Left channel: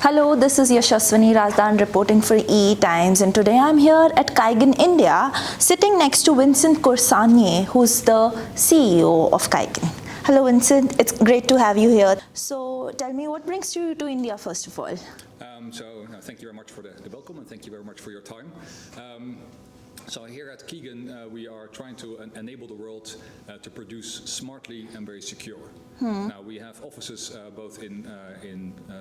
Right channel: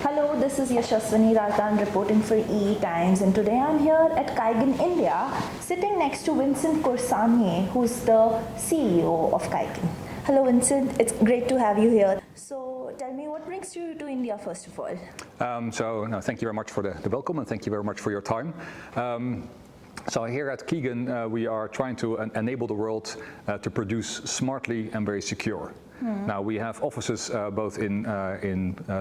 Hello, this is Yashaswini Razdan reporting for EE Times, and today I'm here at Kaigan, India, sitting next to Vincent Corsanier, who's the CEO of Kaigan. Hello, Vincent. It's great to have you here. So tell me, what brings you to India, first of all? Thank you very much for the welcome, and thank you very much for your time. So here at Kaigan, we are trying to enable the world to produce smartly and very secure. Now we have offices both in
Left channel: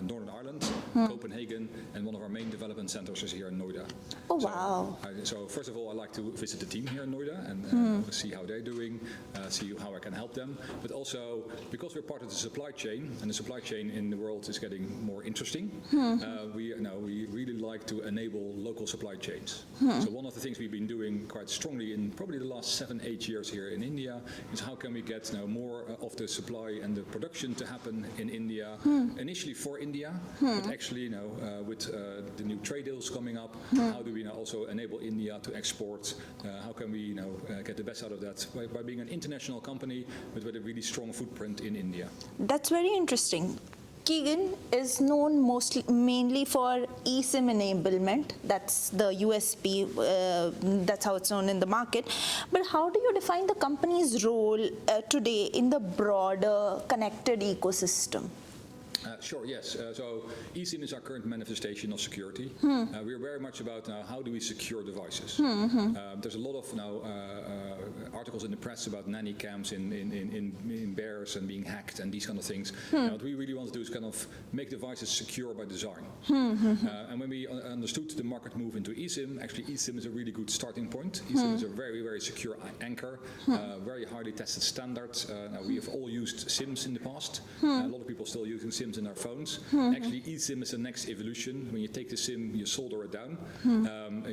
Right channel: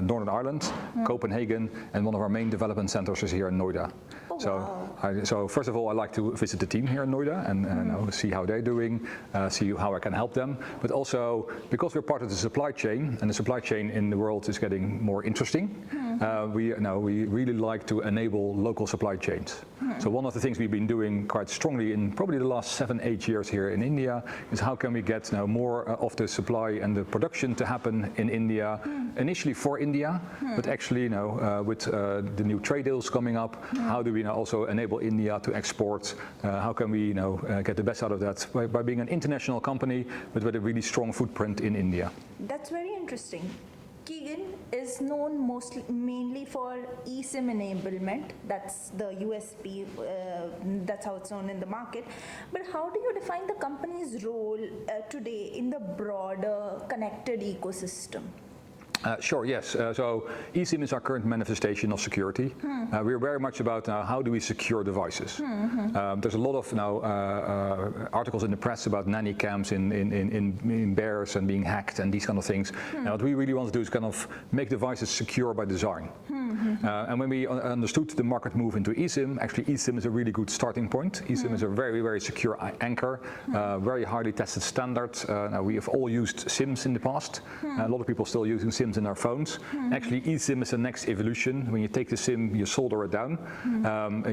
Northern Ireland, Copenhagen, and one of our main development centers is here in Noida. Oh, wow. So first of all, I like to visit the team here in Noida and see how they're doing, see how I can help them. But also because we're part of the supply chain, and the supply chain in the world is getting more interesting, we really like to enable local supply chains. So one of the things we've been doing quite strongly in probably the last 7-8 years here in India is how can we get more of the supply and the production to happen in India, initially for India, but actually with the new trade deals coming up, how do we now also enable India to export? How can we get the best out of that by being an international company but with a really strong footprint in India? That's very interesting. Kaigan is known mainly for eSIM enablement. That's the USP, that's how it's known in the market. But how do you define the company's role today in the broader connected ecosystem? Sure, yes. So eSIM is our current manifestation of security. We're very much about how do we secure devices. There's a lot of articles in the press about nanny cams in bears and being hacked and these kind of things. Now, what we really want to do is kind of make devices secure by design. And when we understood the market move into eSIM, actually eSIM is a really good starting point. eSIM is a very, very secure anchor, very highly tested standard. Now, we have all used SIMs in the past. A lot of people still using SIMs in our phones. Actually, eSIM is the next evolution. When you take the SIM, you solder it down,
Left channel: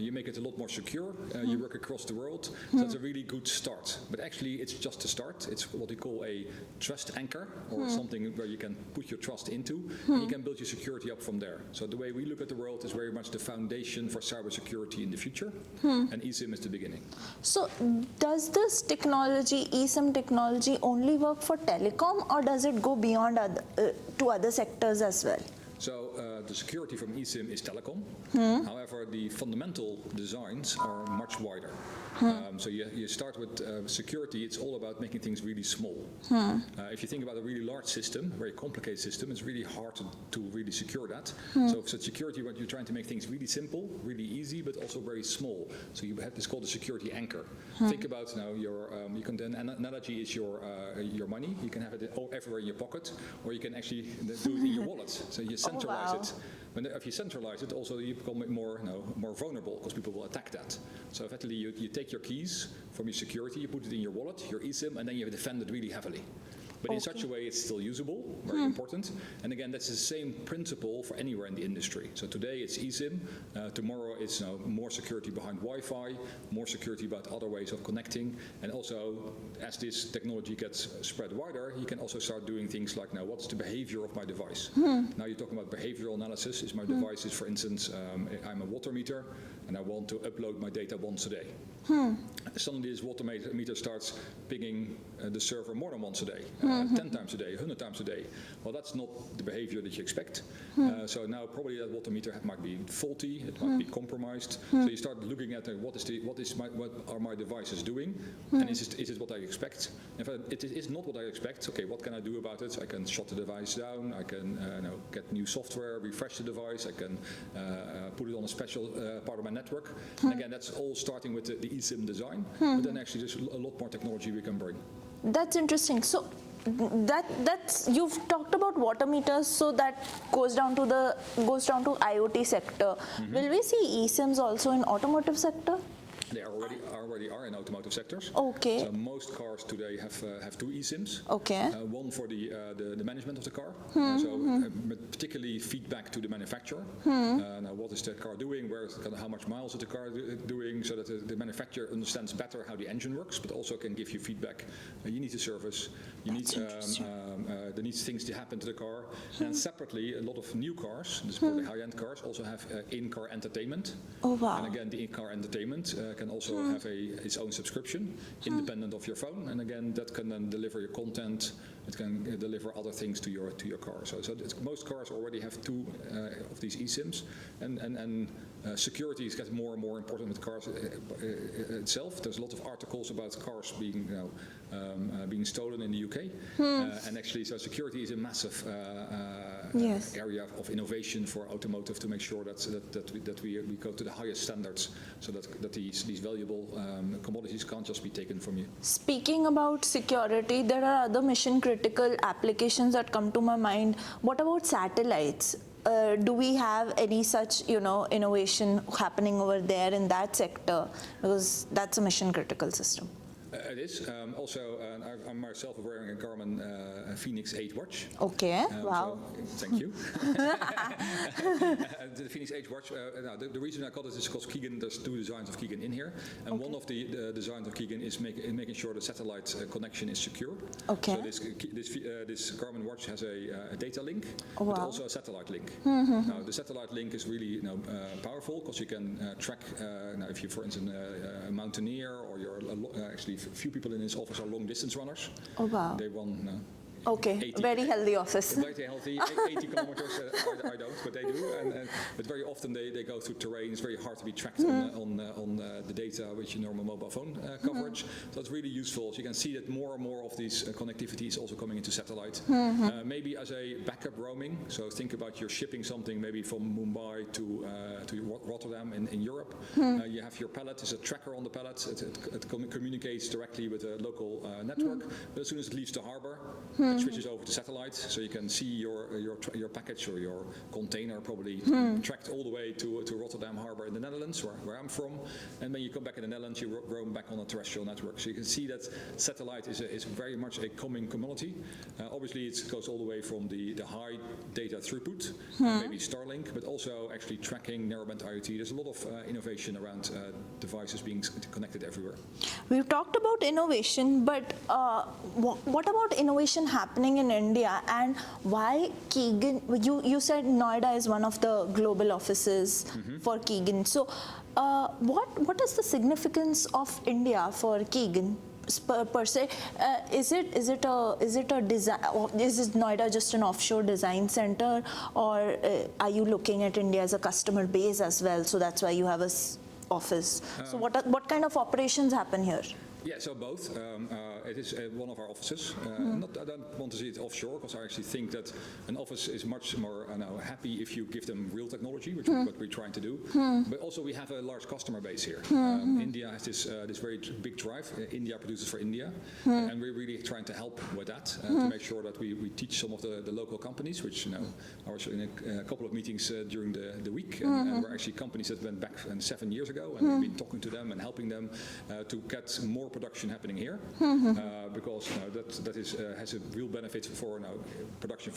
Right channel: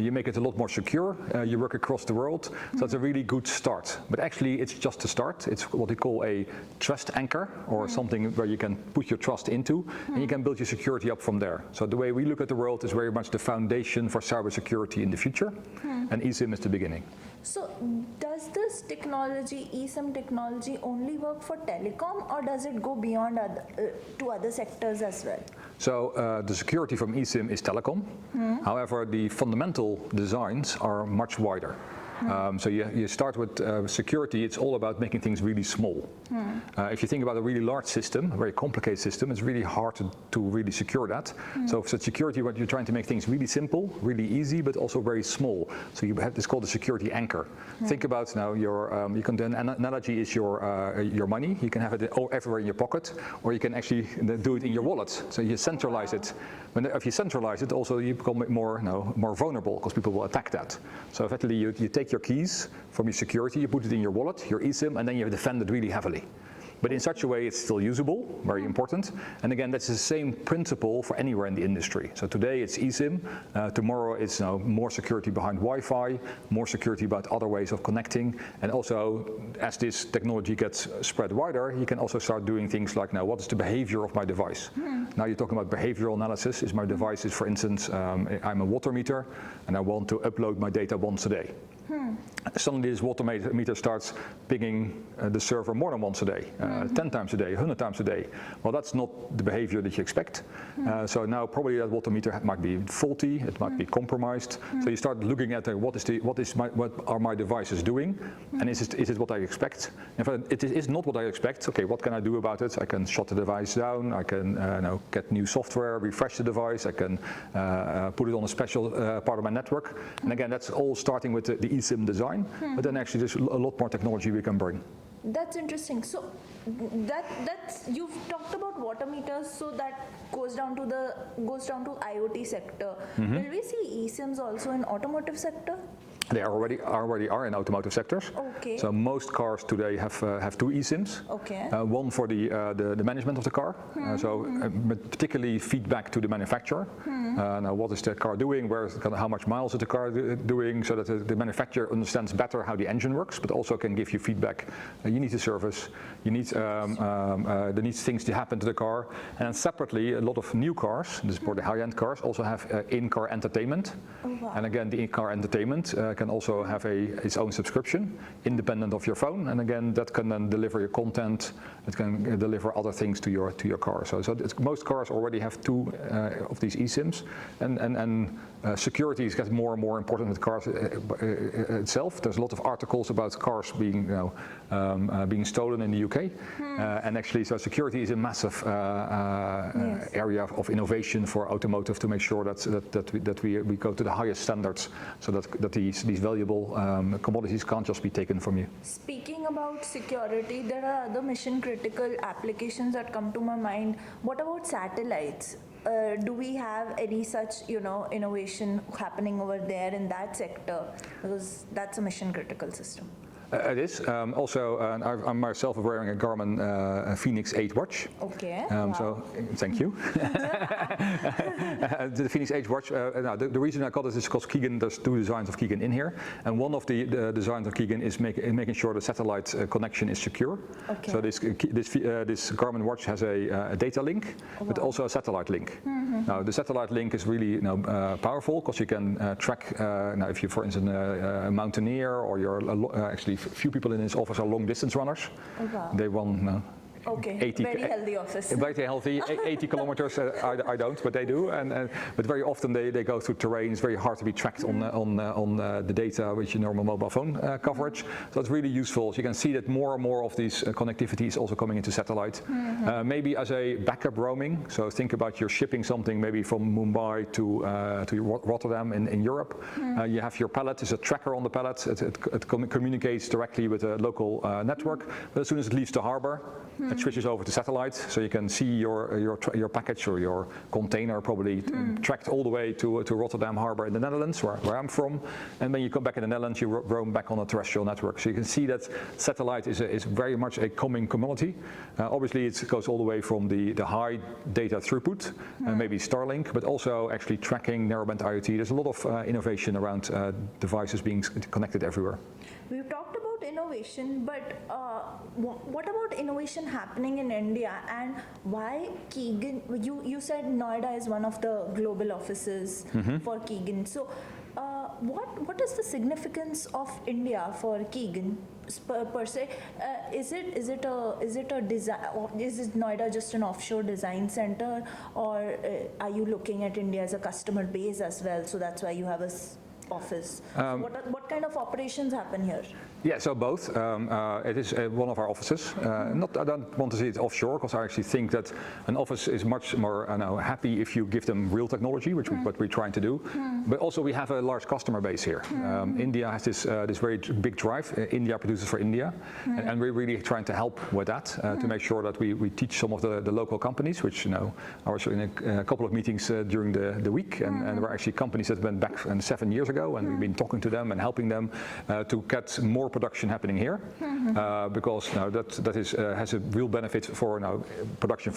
you make it a lot more secure, you work across the world, so that's a really good start. But actually, it's just a start. It's what we call a trust anchor, or something where you can put your trust into, and you can build your security up from there. So the way we look at the world is very much the foundation for cybersecurity in the future, and eSIM is the beginning. So does this technology, eSIM technology, only work for telecom, or does it go beyond to other sectors as well? So the security from eSIM is telecom. However, the fundamental designs are much wider. So you start with security, it's all about making things really small. If you think about a really large system, a very complicated system, it's really hard to really secure that. So for security, what you're trying to make things really simple, really easy, but also very small. So you have this called a security anchor. Think about now the analogy is your money. You can have it everywhere in your pocket, or you can actually do it in your wallet. So you centralize it. If you centralize it, also you become more vulnerable because people will attack that. So effectively, you take your keys from your security, you put it in your wallet, your eSIM, and then you defend it really heavily. But in such a way, it's still usable, very important. And again, that's the same principle for anywhere in the industry. So today it's eSIM, tomorrow it's more security behind Wi-Fi, more security about other ways of connecting. And also, as this technology gets spread wider, you can also start doing things like, now, what is the behavior of my device? Now you're talking about behavioral analysis. Is my device, for instance, I'm a water meter, and I want to upload my data once a day. Suddenly this water meter starts pinging the server more than once a day, 10 times a day, 100 times a day. Well, that's not the behavior that you expect. So now probably that water meter might be faulty, it might be compromised. So you start looking at what are my devices doing, and is it what I expect? If it is not what I expect, okay, what can I do about it? I can shut the device down, I can get new software, refresh the device, I can put it on a special part of my network. And again, that's all starting with the eSIM design, but then actually there's a lot more technology we can bring. That's interesting. So that's you've talked about water meters, so that goes down to IoT sector. Will we see eSIMs also in automotive sector? They already are in automotive sectors. Okay. So most cars today have two eSIMs. Okay. One for the management of the car. Particularly feedback to the manufacturer. Now, what is the car doing? How much miles is the car doing? So that the manufacturer understands better how the engine works, but also can give you feedback. You need to service. You need there needs things to happen to the car. And separately, a lot of new cars, this is for the high-end cars, also have in-car entertainment. Oh, wow. And again, the in-car entertainment can also have its own subscription, independent of your phone, and again, that can then deliver your content. It can deliver other things to your car. So most cars already have two of these eSIMs, and security is getting more and more important with cars itself. There's a lot of articles about cars being being stolen in the UK, and actually, so security is a massive area of innovation for automotive to make sure that we go to the highest standards, so that these valuable commodities can't just be taken from you. Speaking about security, there are other mission critical applications that come to my mind. What about satellites? Do we have any such, innovation happening over there in that sector? Because that's a mission critical system. It is. Also, I'm myself wearing a Garmin Phoenix 8 watch. Okay. Wow. So, thank you. The Phoenix 8 watch, now the reason I got it is because Keegan, there's two designs of Keegan in here. And one of the designs of Keegan is making sure the satellite connection is secure. Okay. So this Garmin watch has a data link, but also a satellite link. Now, the satellite link is really powerful because you can track, now if you're, for instance, a mountaineer, or you're actually few people in this office are long distance runners. Oh, wow. They run 80, very healthy office. Very healthy, 80 kilometers. I don't, but they do. But very often they go through terrain. It's very hard to be tracked on the data with your normal mobile phone coverage. So it's really useful. So you can see that more and more of these connectivity is also coming into satellite. Maybe as a backup roaming. So think about you're shipping something maybe from Mumbai to Rotterdam in Europe. You have your pallet. There's a tracker on the pallet. It communicates directly with a local network. But as soon as it leaves the harbor, it switches over to satellite, so you can see your package or your container probably tracked all the way to Rotterdam Harbor in the Netherlands, where I'm from. And when you come back in the Netherlands, you roam back on a terrestrial network. So you can see that satellite is very much a coming commodity. Obviously, it goes all the way from the high data throughput, maybe Starlink, but also actually tracking narrowband IoT. There's a lot of innovation around devices being connected everywhere. We've talked about innovation, but what about innovation happening in India, and why Keegan? You said Noida is one of the global offices for Keegan. So, what is the significance of India for Keegan per se? Is it a design? Is Noida just an offshore design center, or are you looking at India as a customer base as well? So that's why you have a office. So what kind of operations happen here? Yeah, so both. It is one of our offices. I don't want to see it offshore, because I actually think that an office is much more happy if you give them real technology, which what we're trying to do. But also we have a large customer base here. India has this very big drive. India produces for India, and we're really trying to help with that to make sure that we teach some of the local companies, which I was in a couple of meetings during the week, and we're actually companies that went back 7 years ago, and we've been talking to them and helping them to get more production happening here, because that has a real benefit for production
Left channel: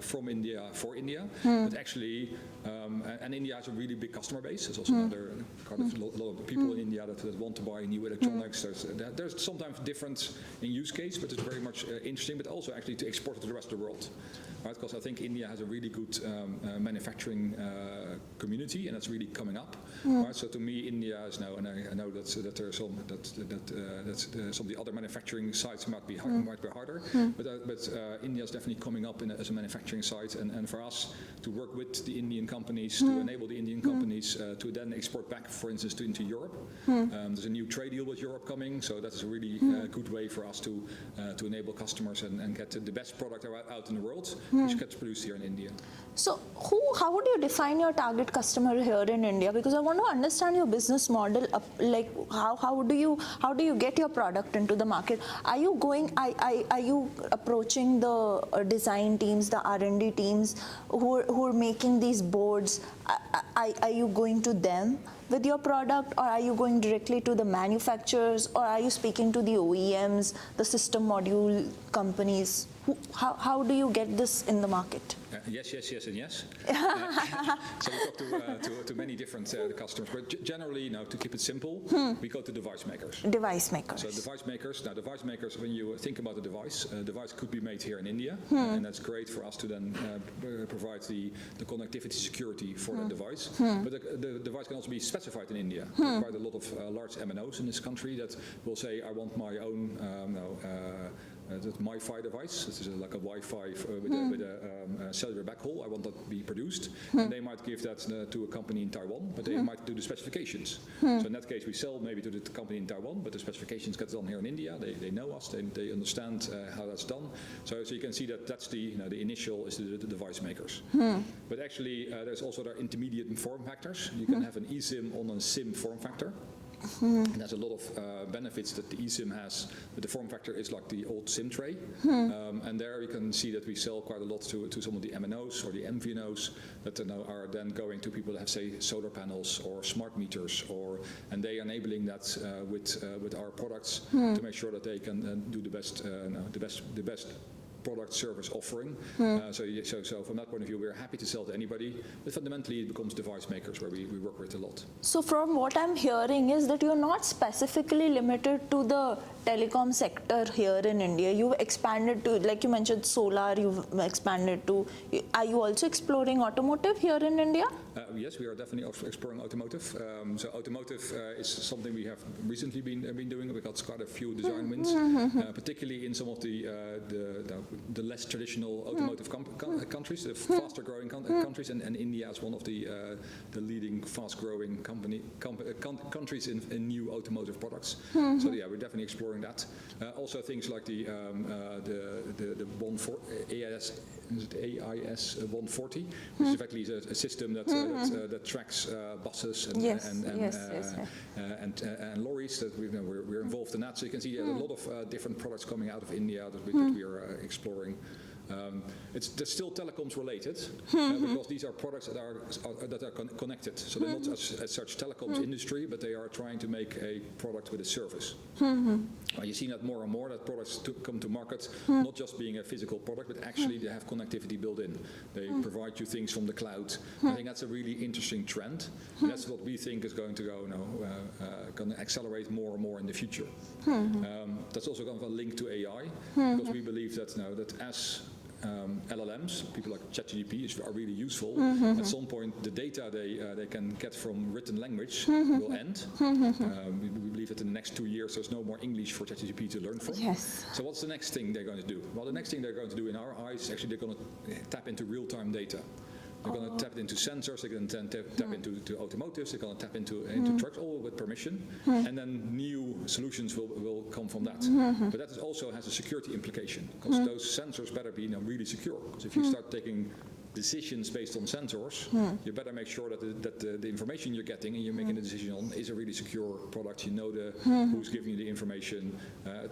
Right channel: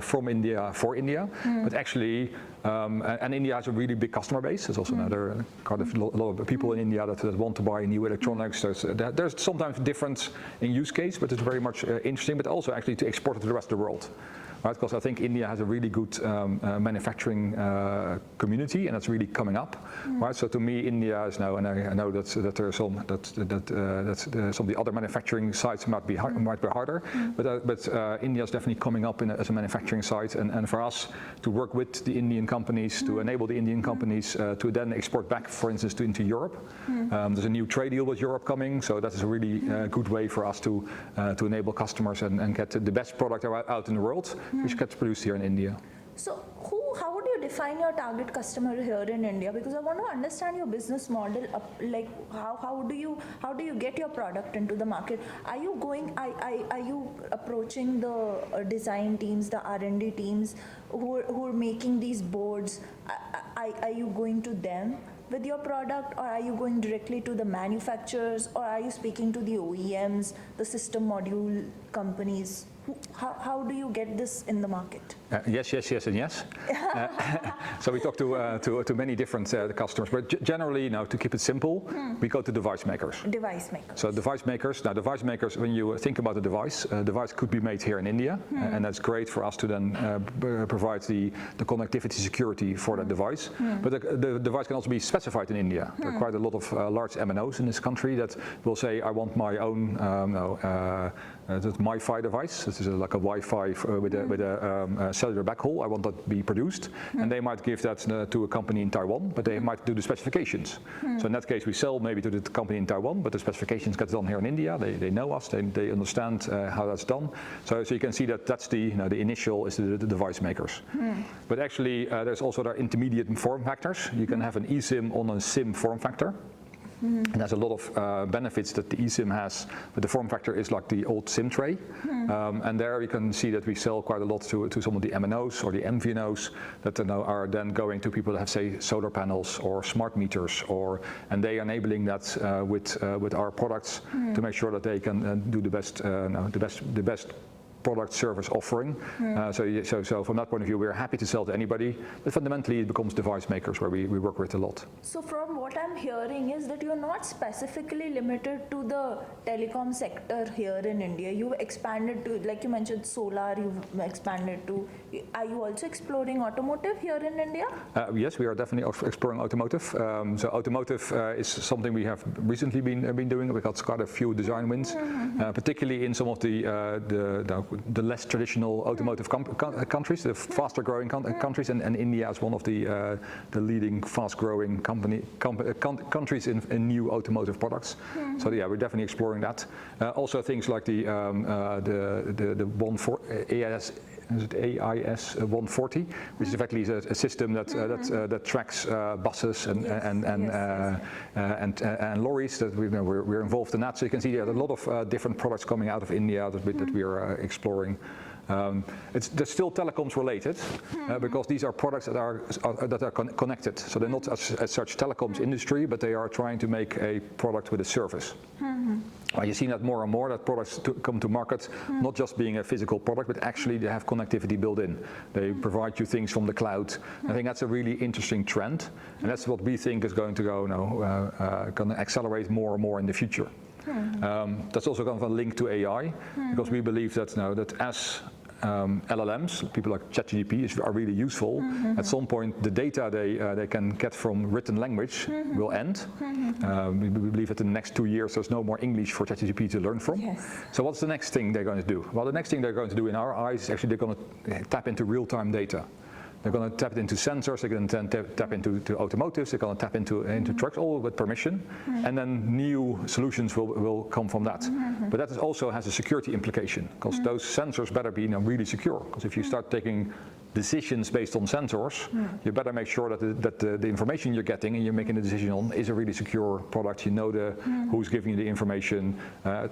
from India for India, but actually, and India has a really big customer base. There's also another kind of a lot of people in India that want to buy new electronics. There's sometimes difference in use case, but it's very much interesting, but also actually to export it to the rest of the world. Right, because I think India has a really good manufacturing community, and it's really coming up. Right, so to me, India is now, and I know that there are some some of the other manufacturing sites might be harder, but India is definitely coming up as a manufacturing site, and for us to work with the Indian companies to enable the Indian companies to then export back, for instance, into Europe. There's a new trade deal with Europe coming, so that is a really good way for us to enable customers and get the best product out in the world, which gets produced here in India. So how would you define your target customer here in India? Because I want to understand your business model. Like how do you get your product into the market? Are you approaching the design teams, the R&D teams who are making these boards? Are you going to them with your product, or are you going directly to the manufacturers, or are you speaking to the OEMs, the system module companies? How do you get this in the market? Yes, and yes. So we talk to many different customers, but generally, to keep it simple, we go to device makers. Device makers. So device makers, when you think about a device could be made here in India, and that's great for us to then provide the connectivity security for that device. But the device can also be specified in India. There are quite a lot of large MNOs in this country that will say, I want my own that's MiFi device. This is like a Wi-Fi with a cellular backhaul. I want that to be produced. And they might give that to a company in Taiwan, but they might do the specifications. So in that case, we sell maybe to the company in Taiwan, but the specifications get done here in India. They know us. They understand how that's done. So you can see that that's the initial is the device makers. But actually, there's also their intermediate form factors. You can have an eSIM on a SIM form factor. And there's a lot of benefits that the eSIM has, but the form factor is like the old SIM tray. And there you can see that we sell quite a lot to some of the MNOs or the MVNOs that are then going to people that have, say, solar panels or smart meters, and they are enabling that with our products to make sure that they can do the best product service offering. So from that point of view, we're happy to sell to anybody, but fundamentally it becomes device makers where we work with a lot. So from what I'm hearing is that you're not specifically limited to the telecom sector here in India. You've expanded to, like you mentioned, solar, you've expanded to, are you also exploring automotive here in India? Yes, we are definitely exploring automotive. So automotive is something we have recently been doing. We got quite a few design wins, particularly in some of the less traditional automotive countries, the faster growing countries, and India is one of the leading fast growing countries in new automotive products. So yeah, we're definitely exploring that. Also things like the AIS 140, which is effectively a system that tracks buses and lorries. That we're involved in that. So you can see there are a lot of different products coming out of India that we are exploring. They're still telecoms related because these are products that are connected. So they're not as such telecoms industry, but they are trying to make a product with a service. You've seen that more and more, that products come to market not just being a physical product, but actually they have connectivity built in. They provide you things from the cloud. I think that's a really interesting trend, and that's what we think is going to going to accelerate more and more in the future. That's also kind of a link to AI, because we believe that that as LLMs, people like ChatGPT, are really useful. At some point, the data they can get from written language will end. We believe that in the next 2 years, there's no more English for ChatGPT to learn from. Yes. So what's the next thing they're going to do? Well, the next thing they're going to do in our eyes is actually they're going to tap into real-time data. They're going to tap into sensors, they're going to tap into automotives, they're going to tap into trucks, all with permission, and then new solutions will come from that. But that also has a security implication, because those sensors better be really secure. Because if you start taking decisions based on sensors, you better make sure that the information you're getting and you're making a decision on is a really secure product. You know who's giving you the information.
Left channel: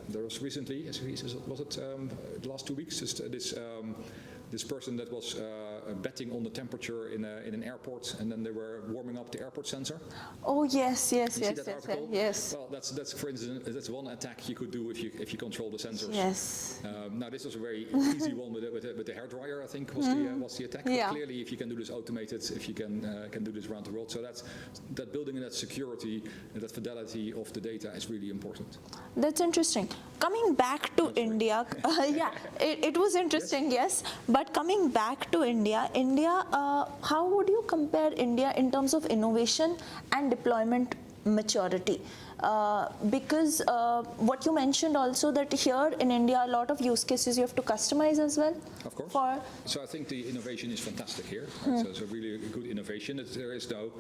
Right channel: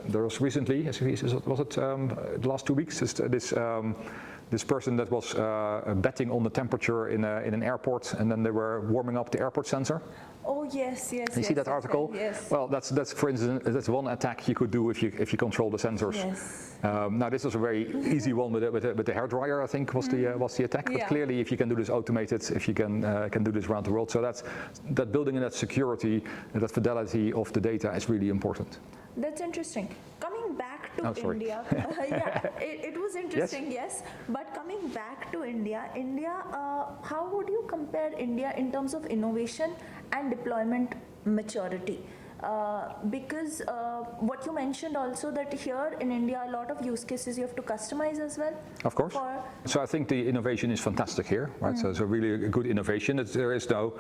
There was recently, was it the last 2 weeks, this person that was betting on the temperature in an airport, and then they were warming up the airport sensor. Oh yes. You see that article? Yes. Well, that's for instance, that's one attack you could do if you control the sensors. Yes. Now this was a very easy one with the hairdryer, I think was the attack. But clearly, if you can do this automated, if you can do this around the world, so that building in that security, that fidelity of the data is really important. That's interesting. Coming back to India, it was interesting, yes. But coming back to India, how would you compare India in terms of innovation and deployment maturity? Because what you mentioned also, that here in India, a lot of use cases you have to customize as well. Of course. So I think the innovation is fantastic here, right? So it's a really good innovation. There is no.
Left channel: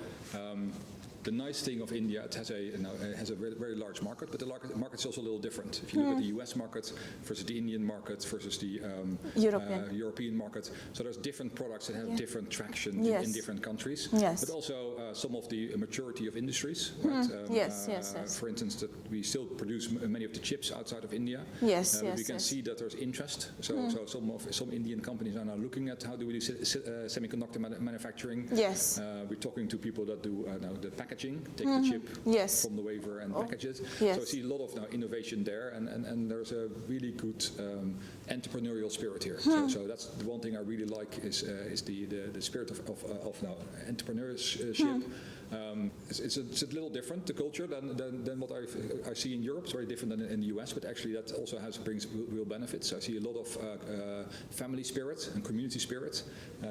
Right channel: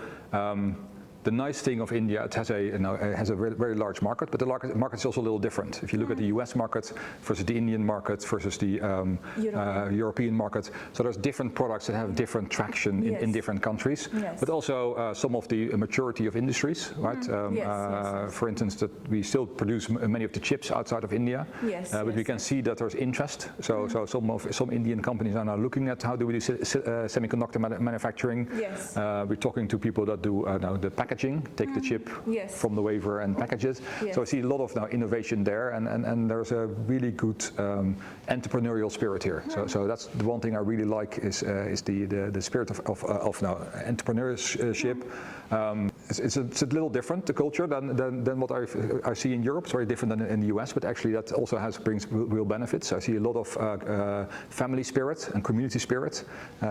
The nice thing of India, it has a very large market, but the market is also a little different. If you look at the US market versus the Indian market versus the European market, so there's different products that have different traction in different countries, but also some of the maturity of industries, right? For instance, that we still produce many of the chips outside of India, but we can see that there's interest. So some Indian companies are now looking at how do we do semiconductor manufacturing. We're talking to people that do the packaging, take the chip from the wafer and package it. So I see a lot of now innovation there, and there's a really good entrepreneurial spirit here. So that's the one thing I really like is the spirit of now entrepreneurship. It's a little different, the culture, than what I see in Europe. It's very different than in the US, but actually that also brings real benefits. I see a lot of family spirit and community spirit.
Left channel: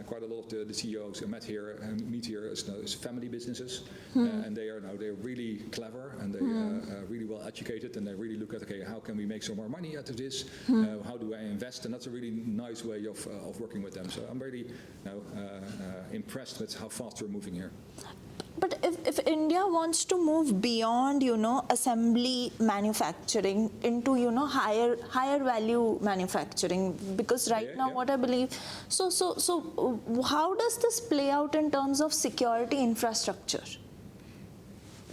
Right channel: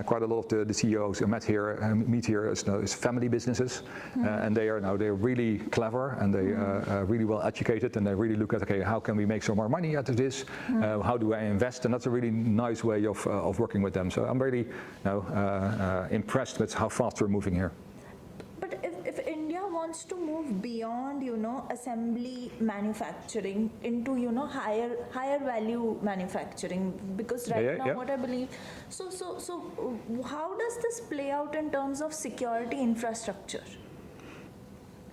Quite a lot of the CEOs I meet here is family businesses, and they're really clever, and they really well educated, and they really look at, okay, how can we make some more money out of this? How do I invest? And that's a really nice way of working with them. So I'm really impressed with how fast we're moving here. But if India wants to move beyond, assembly manufacturing into, higher value manufacturing, because right now what I believe, so how does this play out in terms of security infrastructure?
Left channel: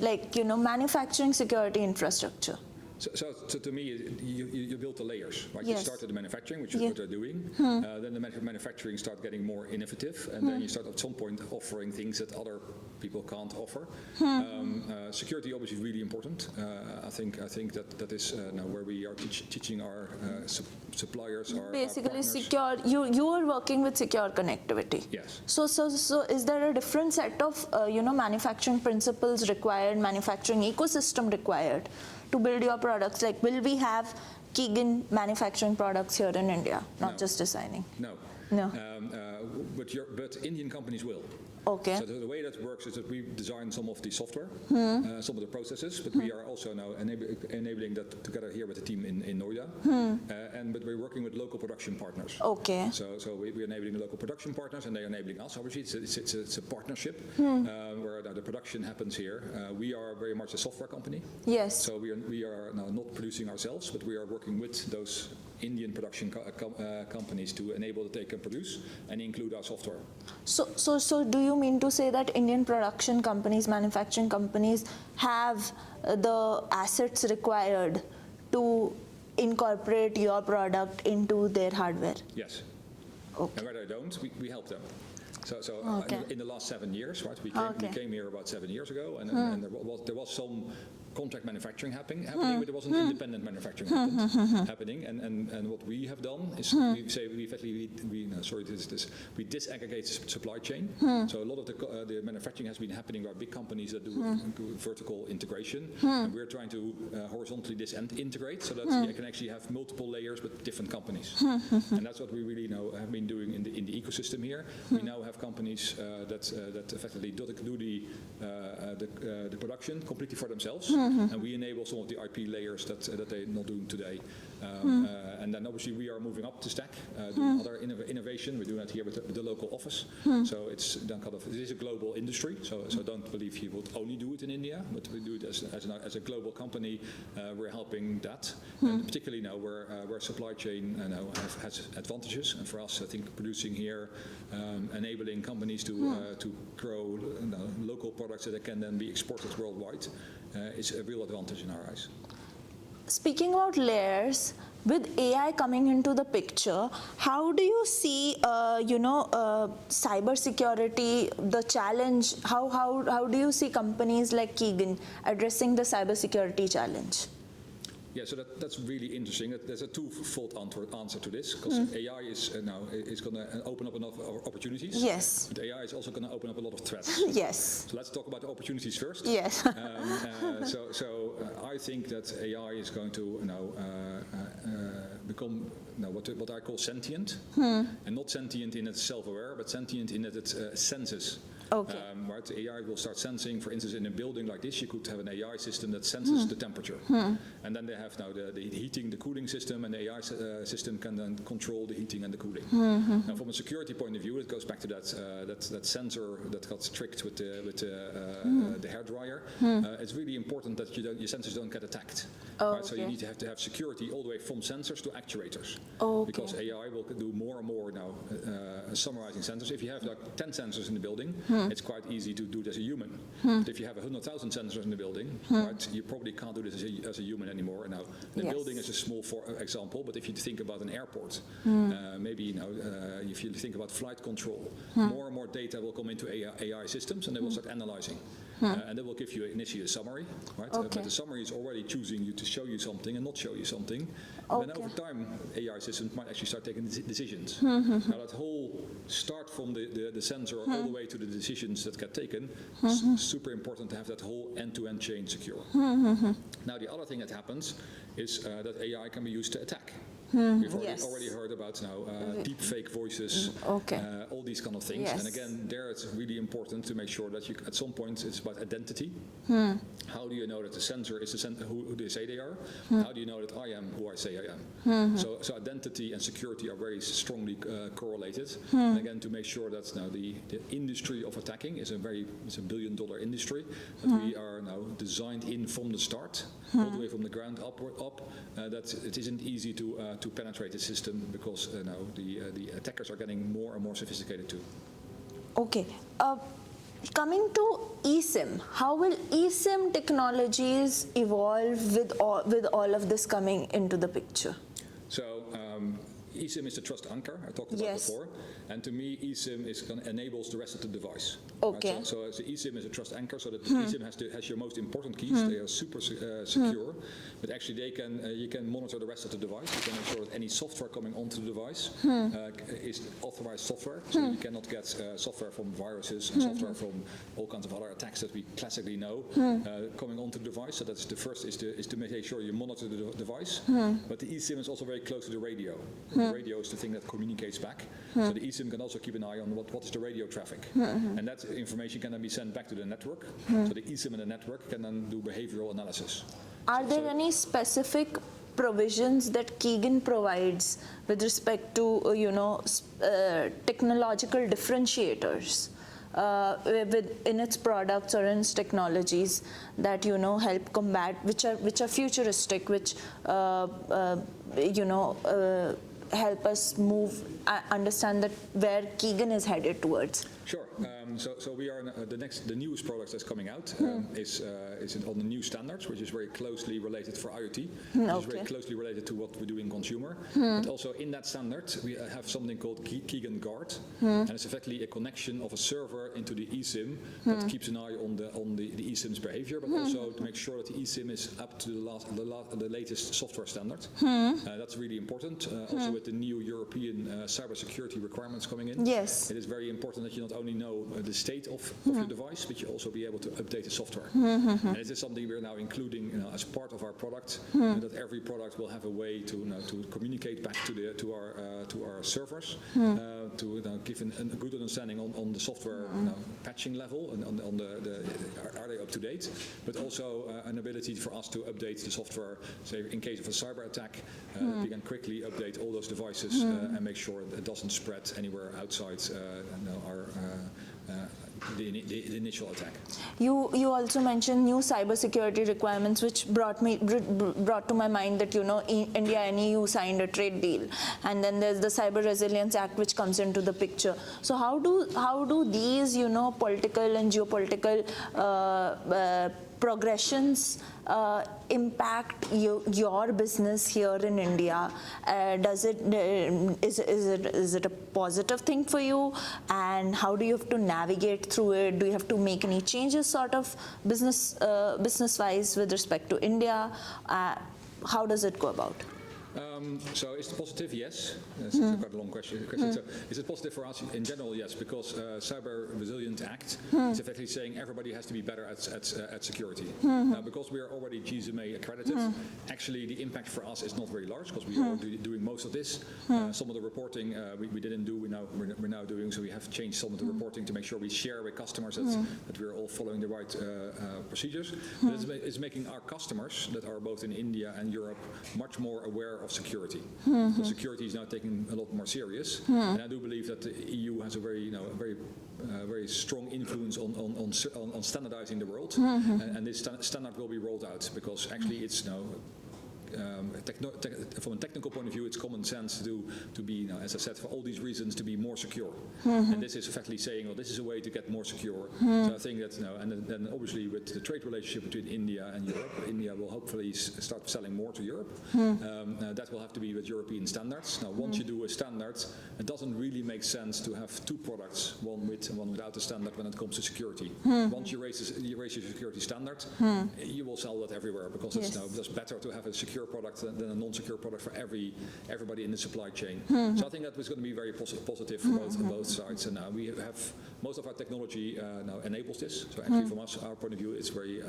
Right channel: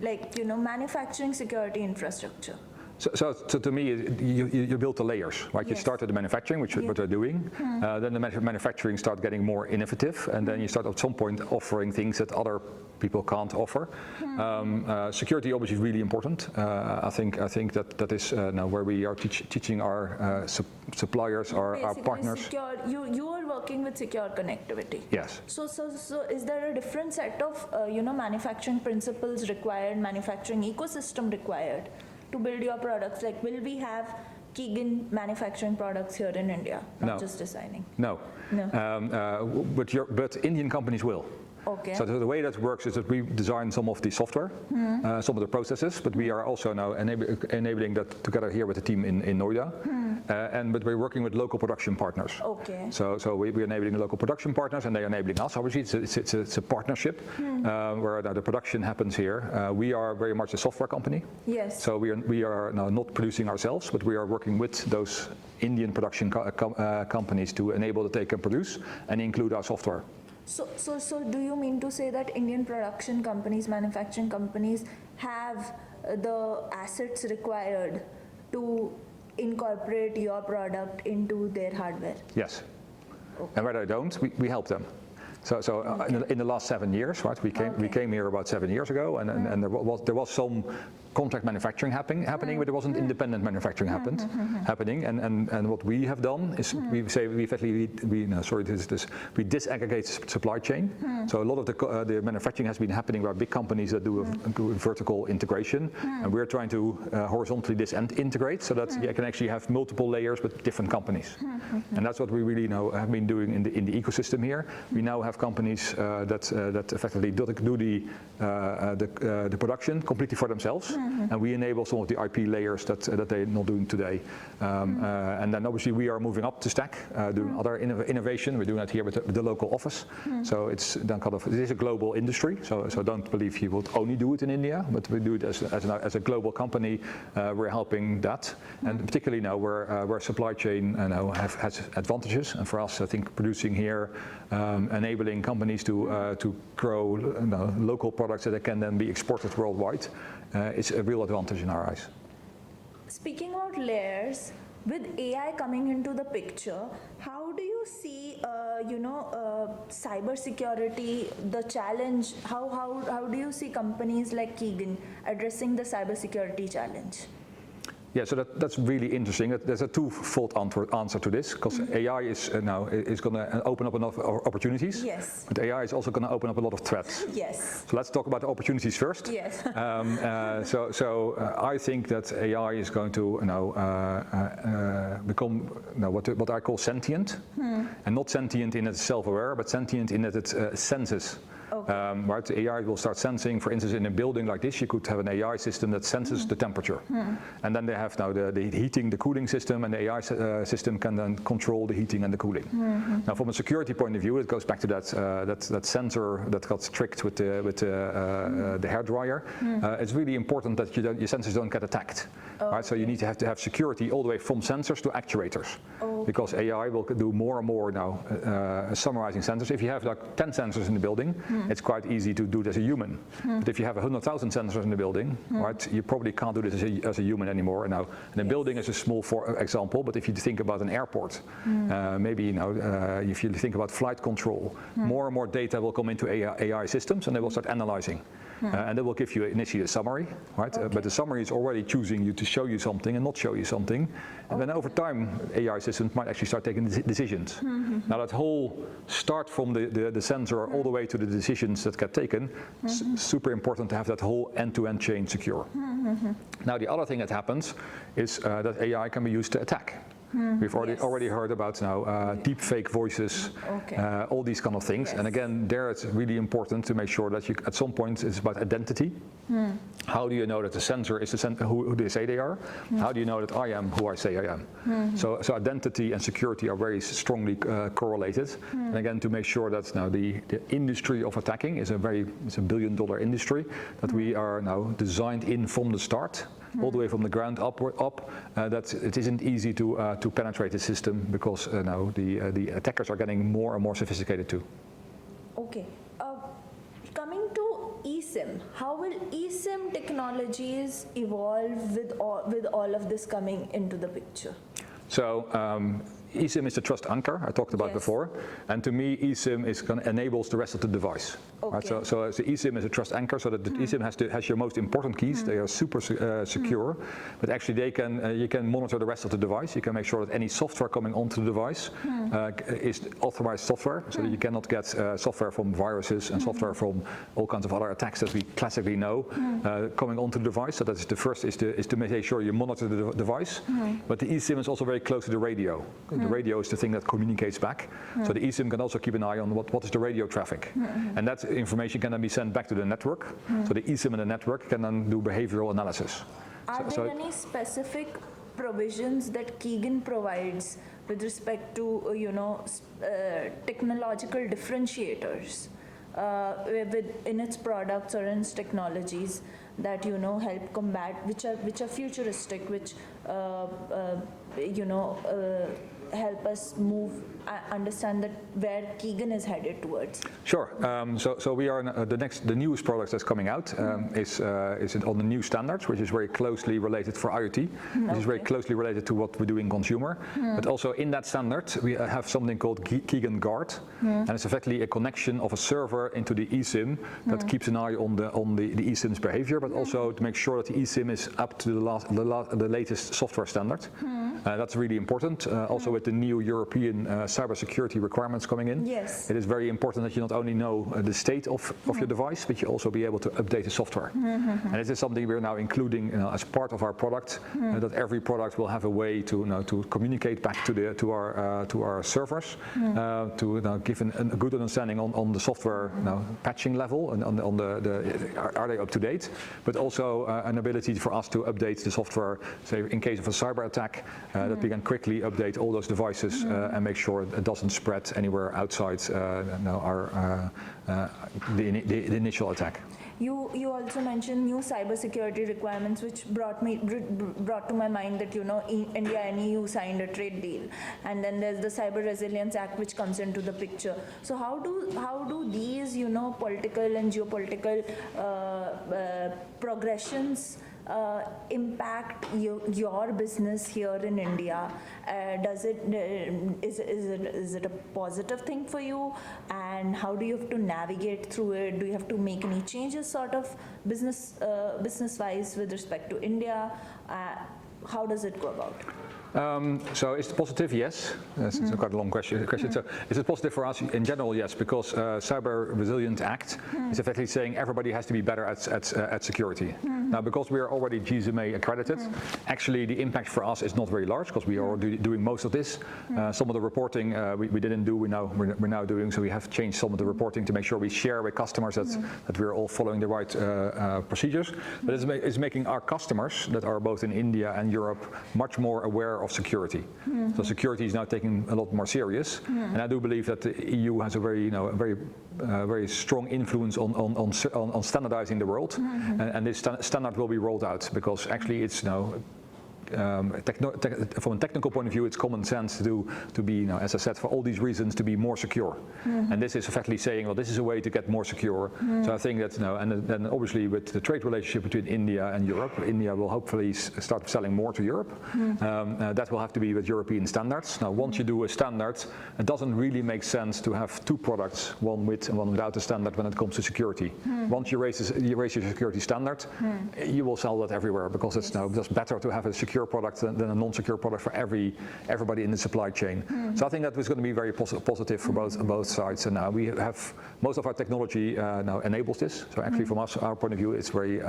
Like, manufacturing security infrastructure. So to me, you build the layers, right? Yes. You start at the manufacturing, which is what they're doing. Then the manufacturing start getting more innovative, and then you start at some point offering things that other people can't offer. Security obviously is really important. I think that is now where we are teaching our suppliers, our partners. Secure. You are working with secure connectivity. Yes. So is there a different set of manufacturing principles required, manufacturing ecosystem required to build your products? Like, will we have Keegan manufacturing products here in India, not just designing? No. But Indian companies will. Okay. So the way that works is that we design some of the software, some of the processes, but we are also now enabling that together here with the team in Noida. But we're working with local production partners. Okay. So we're enabling the local production partners, and they're enabling us. Obviously, it's a partnership where the production happens here. We are very much a software company. Yes. So we are now not producing ourselves, but we are working with those Indian production companies to enable that they can produce and include our software. So do you mean to say that Indian production companies, manufacturing companies have the assets required to incorporate your product into their hardware? Yes. Okay. And where they don't, we help them. So in the last 7 years, right? We came here about 7 years ago, and there was some contract manufacturing happening, but there wasn't independent manufacturing happening. And what we have done is we disaggregate supply chain. So a lot of the manufacturing has been happening by big companies that do a vertical integration, and we're trying to horizontally integrate so that you can actually have multiple layers but different companies. And that's what we really now have been doing in the ecosystem here. We now have companies that effectively do the production completely for themselves, and we enable some of the IP layers that they're not doing today. And then obviously we are moving up the stack, doing other innovation. We're doing that here with the local office. So it's then it is a global industry. So don't believe you would only do it in India, but we do it as a global company. We're helping that, and particularly now where supply chain has advantages. And for us, I think producing here, enabling companies to grow local products that can then be exported worldwide is a real advantage in our eyes. Speaking about layers, with AI coming into the picture, how do you see, cybersecurity, the challenge? How do you see companies like Keegan addressing the cybersecurity challenge? Yeah, so that's really interesting. There's a twofold answer to this, because AI is going to open up enough opportunities. Yes. But AI is also going to open up a lot of threats. Yes. So let's talk about the opportunities first. Yes. I think that AI is going to become what I call sentient, and not sentient in it's self-aware, but sentient in that it senses. Okay. Right, the AI will start sensing. For instance, in a building like this, you could have an AI system that senses the temperature, and then they have now the heating, the cooling system, and the AI system can then control the heating and the cooling. Now, from a security point of view, it goes back to that sensor that got tricked with the hairdryer. It's really important that your sensors don't get attacked. Right, so you need to have security all the way from sensors to actuators, because AI will do more and more now summarizing sensors. If you have like 10 sensors in the building, it's quite easy to do it as a human. But if you have 100,000 sensors in the building, right, you probably can't do this as a human anymore. And now the building is a small example, but if you think about an airport, maybe if you think about flight control, more and more data will come into AI systems, and they will start analyzing. and that will give you initially a summary, right? Okay. But the summary is already choosing you to show you something and not show you something. And then over time, AI systems might actually start taking decisions. Now that whole start from the sensor all the way to the decisions that get taken, super important to have that whole end-to-end chain secure. Now the other thing that happens is that AI can be used to attack. We've already heard about now deep fake voices, all these kind of things. Yes. And again, there it's really important to make sure that you, at some point, it's about identity. How do you know that the sensor is who they say they are? How do you know that I am who I say I am? So identity and security are very strongly correlated. And again, to make sure that now the industry of attacking is it's a billion-dollar industry that we are now designed in from the start, all the way from the ground up. That it isn't easy to penetrate the system because now the attackers are getting more and more sophisticated too. Okay. Coming to eSIM, how will eSIM technologies evolve with all of this coming into the picture? So eSIM is the trust anchor I talked about before, and to me eSIM enables the rest of the device. Okay. Right? So eSIM is a trust anchor, so that the eSIM has your most important keys. They are super secure, but actually you can monitor the rest of the device. You can make sure that any software coming onto the device is authorized software, so that you cannot get software from viruses and software from all kinds of other attacks that we classically know coming onto the device. So that's the first is to make sure you monitor the device, but the eSIM is also very close to the radio. The radio is the thing that communicates back. So the eSIM can also keep an eye on what is the radio traffic. And that information can then be sent back to the network. So the eSIM and the network can then do behavioral analysis. Are there any specific provisions that Keegan provides with respect to, technological differentiators in its products or in its technologies that, help combat, which are futuristic, which, help us understand that where Keegan is headed towards? Sure. So we are the newest product that's coming out is on the new standards, which is very closely related for IoT, which is very closely related to what we do in consumer. But also in that standard, we have something called Keegan Guard, and it's effectively a connection of a server into the eSIM that keeps an eye on the eSIM's behavior, but also to make sure that the eSIM is up to the latest software standard. That's really important. Also with the new European cybersecurity requirements coming in, yes, it is very important that you not only know the state of your device, but you also be able to update the software. And this is something we're now including as part of our product, that every product will have a way to communicate back to our servers, to give a good understanding on the software patching level and on the are they up to date, but also an ability for us to update the software, say in case of a cyber attack, that we can quickly update all those devices and make sure it doesn't spread anywhere outside the initial attack. You also mentioned new cybersecurity requirements, which brought to my mind that India and EU signed a trade deal, and then there's the Cyber Resilience Act which comes into the picture. So how do these political and geopolitical progressions impact your business here in India? Is it a positive thing for you? And how do you have to navigate through it? Do you have to make any changes, sort of business-wise, with respect to India? How does it go about? So is it positive? Yes. It's quite a long question. So is it positive for us in general? Yes, because Cyber Resilience Act is effectively saying everybody has to be better at security. Now, because we are already GSMA accredited, actually the impact for us is not very large because we are already doing most of this. Some of the reporting we didn't do, we're now doing. So we have changed some of the reporting to make sure we share with customers that we're all following the right procedures. But it's making our customers that are both in India and Europe much more aware of security. So security is now taken a lot more serious, and I do believe that the EU has a very strong influence on standardizing the world, and this standard will be rolled out because actually it's from a technical point of view, it's common sense to be, as I said, for all these reasons, to be more secure. And this is effectively saying, well, this is a way to get more secure. So I think that, and then obviously with the trade relationship between India and Europe, India will hopefully start selling more to Europe. That will have to be with European standards. Now, once you do a standard, it doesn't really make sense to have two products, one with and one without a standard when it comes to security. Once you raise your security standard, you will sell that everywhere, because it's now just better to have a secure product than a non-secure product for everybody in the supply chain. So I think that is going to be very positive for both sides. And now we have most of our technology now enables this. So actually, from our point of view, it's very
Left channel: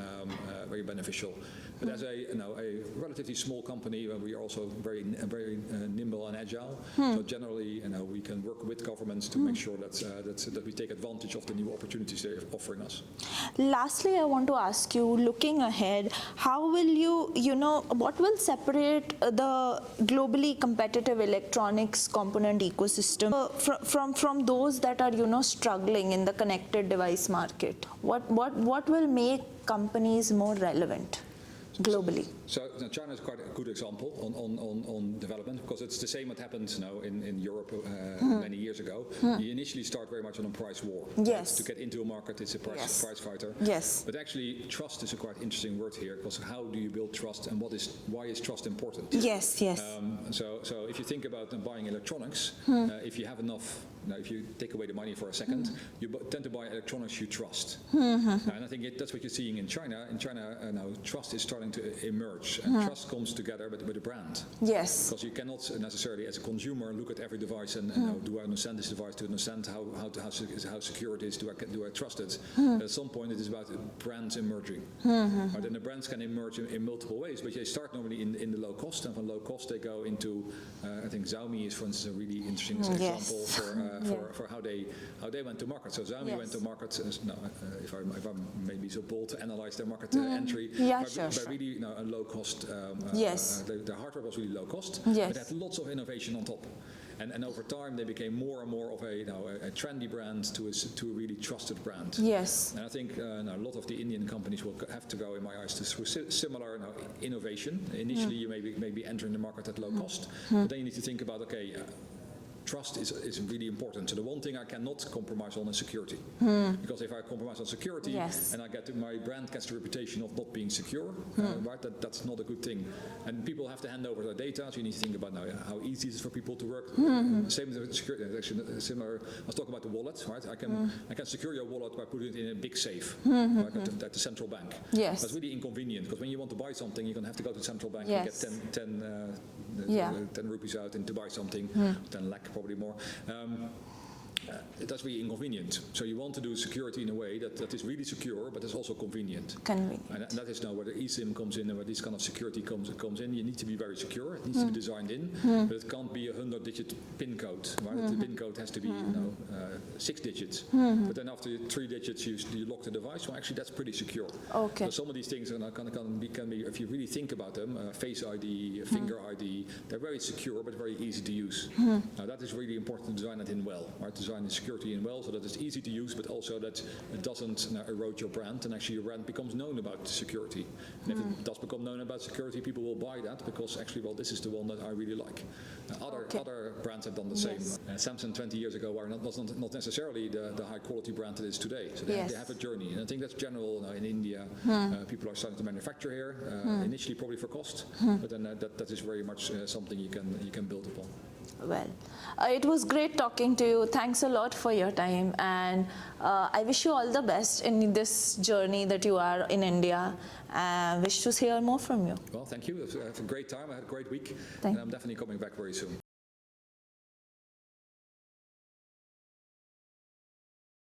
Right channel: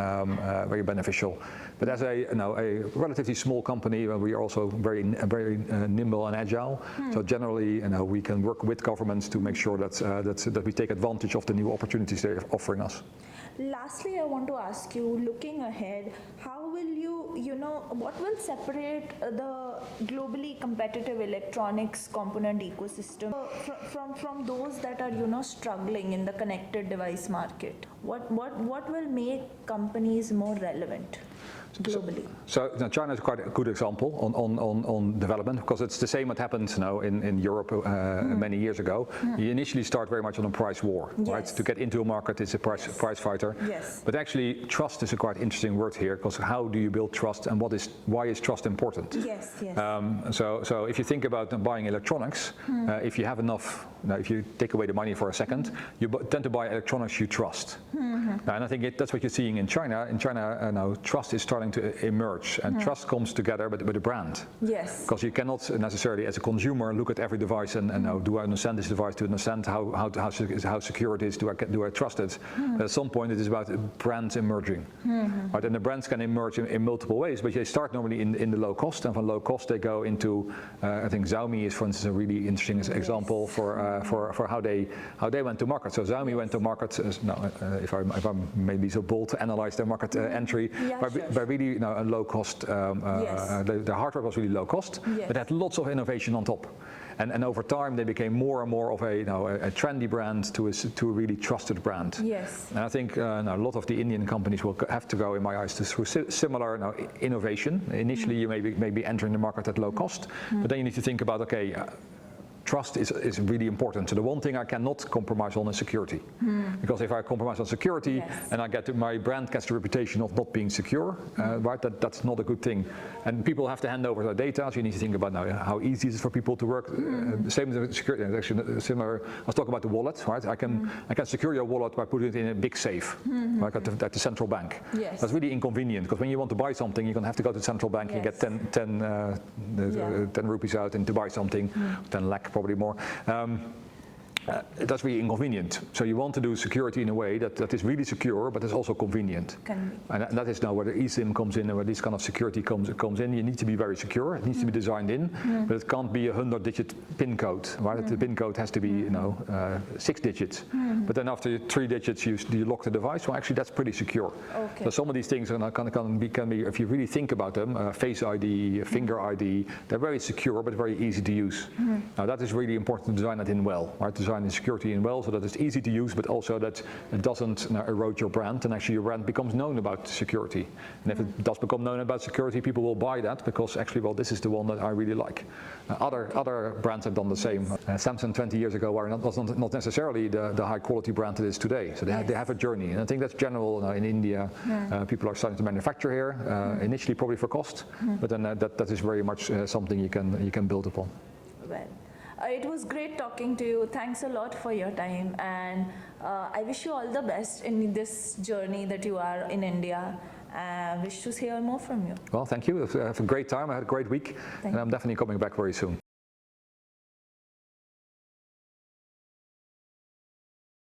beneficial. But as a relatively small company, we are also very nimble and agile. So generally, we can work with governments to make sure that we take advantage of the new opportunities they're offering us. Lastly, I want to ask you, looking ahead, how will what will separate the globally competitive electronics component ecosystem from those that are, struggling in the connected device market? What will make companies more relevant globally? So China is quite a good example on development, because it's the same that happened now in Europe many years ago. You initially start very much on a price war, right? To get into a market, it's a price fighter. Yes. But actually, trust is a quite interesting word here, because how do you build trust, and why is trust important? Yes. So if you think about buying electronics, if you have enough, if you take away the money for a second, you tend to buy electronics you trust. And I think that's what you're seeing in China. In China now, trust is starting to emerge, and trust comes together with a brand. Yes. Because you cannot necessarily, as a consumer, look at every device and now, do I understand this device, to understand how secure it is, do I trust it? But at some point, it is about brands emerging. Right? And the brands can emerge in multiple ways, but they start normally in the low cost, and from low cost they go into, I think Xiaomi is, for instance, a really interesting example for how they went to market. So Xiaomi went to market, if I'm maybe so bold to analyze their market entry, by really a low cost. The hardware was really low cost, but had lots of innovation on top. And over time, they became more and more of a trendy brand to a really trusted brand. Yes. And I think a lot of the Indian companies will have to go, in my eyes, through similar innovation. Initially, you may be entering the market at low cost, but then you need to think about, trust is really important. So the one thing I cannot compromise on is security. Because if I compromise on security and my brand gets the reputation of not being secure, right, that's not a good thing. And people have to hand over their data, so you need to think about now how easy is it for people to work. Same with security, actually similar. I was talking about the wallet, right? I can secure your wallet by putting it in a big safe, like at the central bank. Yes. That's really inconvenient, because when you want to buy something, you're going to have to go to the central bank and get 10 rupees out and to buy something, 10 lakh probably more. That's really inconvenient. So you want to do security in a way that is really secure, but is also convenient. And that is now where the eSIM comes in, and where this kind of security comes in. You need to be very secure. It needs to be designed in, but it can't be a 100-digit PIN code. Right? The PIN code has to be 6 digits. But then after 3 digits, you lock the device. Well, actually, that's pretty secure. So some of these things can be, if you really think about them, Face ID, Finger ID, they're very secure, but very easy to use. Now that is really important to design that in well. Right? Design the security in well, so that it's easy to use, but also that it doesn't erode your brand, and actually your brand becomes known about security. And if it does become known about security, people will buy that, because actually, well, this is the one that I really like. Other brands have done the same. Samsung 20 years ago was not necessarily the high quality brand it is today. So they have a journey, and I think that's general now in India. People are starting to manufacture here, initially probably for cost, but then that is very much something you can build upon. Well, it was great talking to you. Thanks a lot for your time, and I wish you all the best in this journey that you are in India. Wish to hear more from you. Well, thank you. It was a great time. I had a great week, and I'm definitely coming back very soon.